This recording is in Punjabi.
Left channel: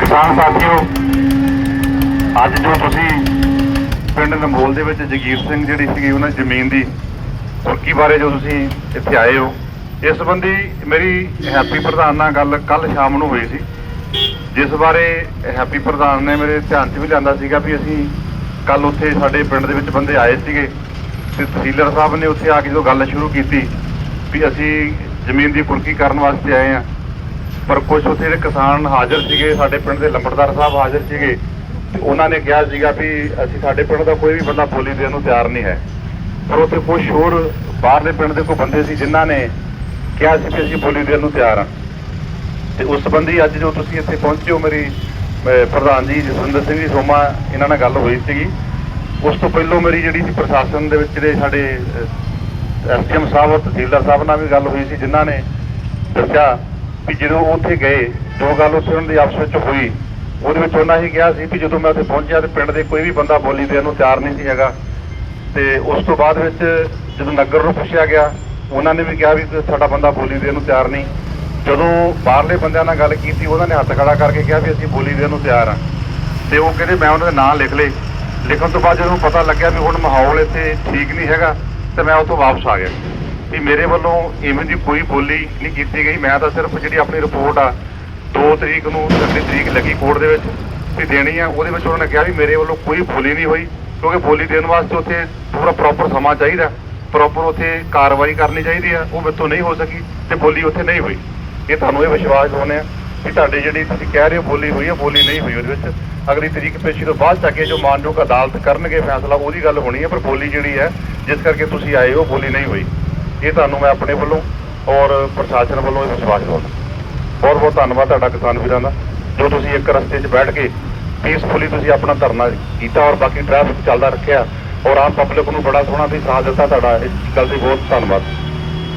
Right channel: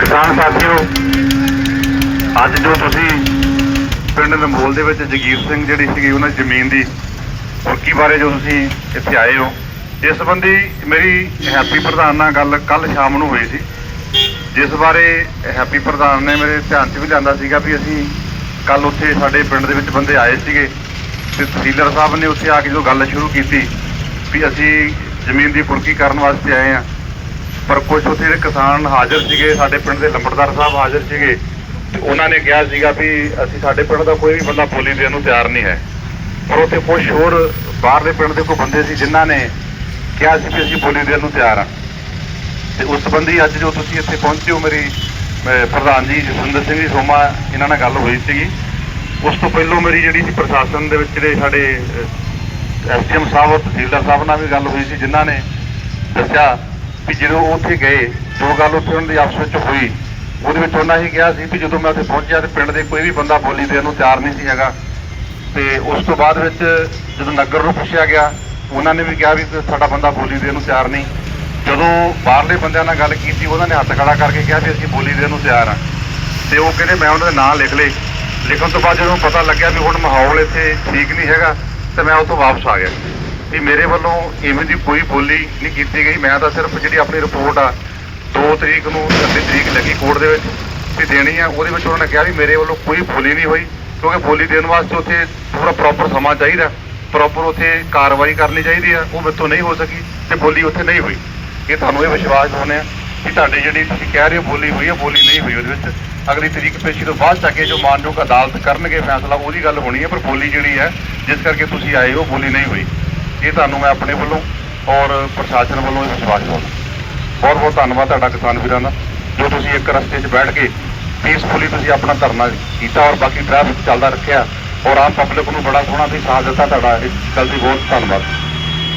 ਕਿਸਾਨ ਸਾਥੀਓ, ਅੱਜ ਜੋ ਤੁਸੀਂ ਪਿੰਡ ਨੰਗੋਲ ਦੇ ਵਿੱਚ ਜਗੀਰ ਸਿੰਘ ਜਿਹੜੀ ਸੀਗੀ, ਉਹਨਾਂ ਜ਼ਮੀਨ ਦੀ ਕੁਰਕੀ ਬਾਰੇ ਜੋ ਤੁਸੀਂ ਇੱਥੇ ਆਏ ਹੋ, ਇਸ ਸੰਬੰਧੀ ਮੇਰੀ ਹੈਪੀ ਪ੍ਰਧਾਨ ਨਾਲ ਗੱਲ ਕੱਲ ਸ਼ਾਮ ਨੂੰ ਹੋਈ ਸੀ। ਜਿਸ ਬਾਰੇ ਹੈਪੀ ਪ੍ਰਧਾਨ ਨੇ ਮੇਰੇ ਧਿਆਨ 'ਚ ਵੀ ਲਿਆਂਦਾ ਸੀਗਾ ਵੀ ਅਸੀਂ ਕੱਲ ਉੱਥੇ ਸਾਡੇ ਪਿੰਡ ਦੇ ਵਿੱਚ ਬੰਦੇ ਆਏ ਸੀਗੇ ਤੇ ਤਹਿਸੀਲਦਾਰ ਸਾਹਿਬ ਨੇ ਉੱਥੇ ਆ ਕੇ ਜੋ ਗੱਲ ਸ਼ੁਰੂ ਕੀਤੀ ਵੀ ਅਸੀਂ ਜ਼ਮੀਨ ਦੀ ਕੁਰਕੀ ਕਰਨ ਵਾਸਤੇ ਆਏ ਆ ਪਰ ਕੁਝ ਉੱਥੇ ਜਿਹੜੇ ਕਿਸਾਨ ਹਾਜ਼ਰ ਸੀਗੇ, ਸਾਡੇ ਪਿੰਡ ਦੇ ਲੰਬੜਦਾਰ ਸਾਹਿਬ ਹਾਜ਼ਰ ਸੀਗੇ, ਤੇ ਉਹਨਾਂ ਨੇ ਕਿਹਾ ਸੀਗਾ ਵੀ ਅਸੀਂ ਸਾਡੇ ਪਿੰਡ ਦਾ ਕੋਈ ਵੀ ਬੰਦਾ ਬੋਲੀ ਦੇਣ ਨੂੰ ਤਿਆਰ ਨਹੀਂ ਹੈ। ਪਰ ਉੱਥੇ ਕੁਝ ਹੋਰ ਬਾਹਰਲੇ ਪਿੰਡ ਦੇ ਕੋਈ ਬੰਦੇ ਸੀ ਜਿਨ੍ਹਾਂ ਨੇ ਕਿਹਾ ਸੀ ਕਿ ਅਸੀਂ ਬੋਲੀ ਦੇਣ ਨੂੰ ਤਿਆਰ ਹਾਂ। ਤੇ ਉਸ ਸੰਬੰਧੀ ਅੱਜ ਜੋ ਤੁਸੀਂ ਇੱਥੇ ਪਹੁੰਚੇ ਹੋ ਮੇਰੀ ਪ੍ਰਧਾਨ ਜੀ ਜਸਵਿੰਦਰ ਸਿੰਘ ਜੀ ਸੋਮਾ, ਇਹਨਾਂ ਨਾਲ ਗੱਲ ਹੋਈ ਸੀਗੀ। ਉਸ ਤੋਂ ਪਹਿਲਾਂ ਮੇਰੀ ਜਿਹੜੀ ਸੀ ਪ੍ਰਸ਼ਾਸਨ ਦੇ ਵਿੱਚ ਜਿਹੜੇ ਸਾਡੇ ਐਸਡੀਐਮ ਸਾਹਿਬ, ਤਹਿਸੀਲਦਾਰ ਸਾਹਿਬ ਨਾਲ ਵੀ ਗੱਲ ਹੋਈ ਸੀ, ਜਿਨ੍ਹਾਂ ਨੇ ਦੱਸਿਆ ਵੀ ਜਦੋਂ ਉਹ ਉੱਥੇ ਗਏ, ਜੋ ਗੱਲ ਉੱਥੇ ਉਹਨਾਂ ਦੀ ਆਪਸ ਵਿੱਚ ਹੋਈ, ਉਹਦੇ ਵਿੱਚ ਉਹਨਾਂ ਹੀ ਕਿਹਾ ਸੀ ਵੀ ਜਦੋਂ ਮੈਂ ਉੱਥੇ ਪਹੁੰਚਿਆ ਤੇ ਪਿੰਡ ਦੇ ਕੋਈ ਵੀ ਬੰਦਾ ਬੋਲੀ ਦੇਣ ਨੂੰ ਤਿਆਰ ਨਹੀਂ ਸੀ ਹੈਗਾ। ਤੇ ਉਸ ਤੋਂ ਬਾਅਦ ਵਿੱਚ ਜਦੋਂ ਨਗਰ ਨੂੰ ਪੁੱਛਿਆ ਗਿਆ, ਉਹਨਾਂ ਨੇ ਵੀ ਕਿਹਾ ਵੀ ਸਾਡਾ ਬੰਦਾ ਬੋਲੀ ਦੇਣ ਨੂੰ ਤਿਆਰ ਨਹੀਂ। ਜਦੋਂ ਬਾਹਰਲੇ ਬੰਦਿਆਂ ਨਾਲ ਗੱਲ ਕੀਤੀ, ਉਹਨਾਂ ਨੇ ਹੱਥ ਖੜਾ ਕਰਕੇ ਕਿਹਾ ਵੀ ਅਸੀਂ ਬੋਲੀ ਦੇਣ ਨੂੰ ਤਿਆਰ ਹਾਂ। ਤੇ ਉਹ ਕਹਿੰਦੇ, ਮੈਂ ਉਹਨਾਂ ਦੇ ਨਾਂ ਲਿਖ ਲਏ। ਲਿਖਣ ਤੋਂ ਬਾਅਦ ਜਦੋਂ ਪਤਾ ਲੱਗਿਆ ਵੀ ਹੁਣ ਮਾਹੌਲ ਇੱਥੇ ਠੀਕ ਨਹੀਂ ਹੈਗਾ, ਤੇ ਮੈਂ ਉੱਥੋਂ ਵਾਪਸ ਆ ਗਿਆ। ਵੀ ਮੇਰੇ ਵੱਲੋਂ ਇਵੇਂ ਦੀ ਕੋਈ ਬੋਲੀ ਨਹੀਂ ਕੀਤੀ ਗਈ। ਮੈਂ ਤਾਂ ਸਿਰਫ ਜਿਹੜੀ ਆਪਣੀ ਰਿਪੋਰਟ ਆ 2 ਤਰੀਕ ਨੂੰ ਦੀ ਤਰੀਕ ਲੱਗੀ ਕੋਰਟ ਦੇ ਵਿੱਚ ਵੀ ਦੇਣੀ ਆ। ਉਹਦੇ ਵਿੱਚ ਉਹਨਾਂ ਨੇ ਕਿਹਾ ਵੀ ਮੇਰੇ ਵੱਲੋਂ ਕੋਈ ਬੋਲੀ ਨਹੀਂ ਹੋਈ, ਕਿਉਂਕਿ ਬੋਲੀ ਦੇਣ ਵਾਸਤੇ ਉੱਥੇ ਪੂਰਾ ਪ੍ਰੋਪਰ ਸਮਾਂ ਚਾਹੀਦਾ। ਪ੍ਰੋਪਰ ਉੱਥੇ ਕਾਰਵਾਈ ਕਰਨੀ ਚਾਹੀਦੀ ਆ। ਉਹ ਮੇਥੋਂ ਨਹੀਂ ਹੋ ਸਕੀ ਤੇ ਬੋਲੀ ਉੱਥੇ ਨਹੀਂ ਹੋਈ। ਇਹ ਤੁਹਾਨੂੰ ਇਹ ਵਿਸ਼ਵਾਸ ਦਿਵਾਉਂਦੇ ਆ ਕਿ ਤੁਹਾਡੀ ਜਿਹੜੀ ਤੁਸੀਂ ਕਹਿ ਰਹੇ ਹੋ ਬੋਲੀ ਹੋਈ ਹੈ ਬੋਲੀ ਨਹੀਂ ਹੋਈ ਉਹਦੇ ਵਿੱਚ। ਅਗਲੀ ਤਰੀਕ ਪੇਸ਼ੀ ਤੋਂ ਬਾਅਦ ਜਾ ਕੇ ਜੋ ਮਾਨਯੋਗ ਅਦਾਲਤ ਕਰਨਗੇ ਫੈਸਲਾ, ਉਹਦੀ ਗੱਲ ਹੋਣੀ ਹੈ ਪਰ ਬੋਲੀ ਜਿਹੜੀ ਹੈ ਜਿਸ ਕਰਕੇ ਤੁਸੀਂ ਆਏ ਹੋ, ਬੋਲੀ ਨਹੀਂ ਹੋਈ। ਇਹ ਤੁਹਾਨੂੰ ਮੈਂ ਆਪਣੇ ਵੱਲੋਂ ਔਰ ਪ੍ਰਸ਼ਾਸਨ ਵੱਲੋਂ ਇਹ ਵਿਸ਼ਵਾਸ ਦਿਵਾਉਂਦਾ। ਬਹੁਤ ਬਹੁਤ ਧੰਨਵਾਦ ਤੁਹਾਡਾ ਕਿਸਾਨ ਵੀਰਾਂ ਦਾ, ਜੋ ਤੁਸੀਂ ਇੱਕ ਰਸਤੇ 'ਚ ਬੈਠ ਕੇ ਪੀਸਫੁਲੀ ਤੁਸੀਂ ਆਪਣਾ ਧਰਨਾ ਕੀਤਾ ਔਰ ਬਾਕੀ ਟ੍ਰੈਫਿਕ ਚੱਲਦਾ ਰੱਖਿਆ ਔਰ ਆਮ ਪਬਲਿਕ ਨੂੰ ਬੜਾ ਸੋਹਣਾ ਤੁਸੀਂ ਸਾਥ ਦਿੱਤਾ ਤੁਹਾਡਾ, ਇਸ ਗੱਲ ਦੀ ਬਹੁਤ ਧੰਨਵਾਦ।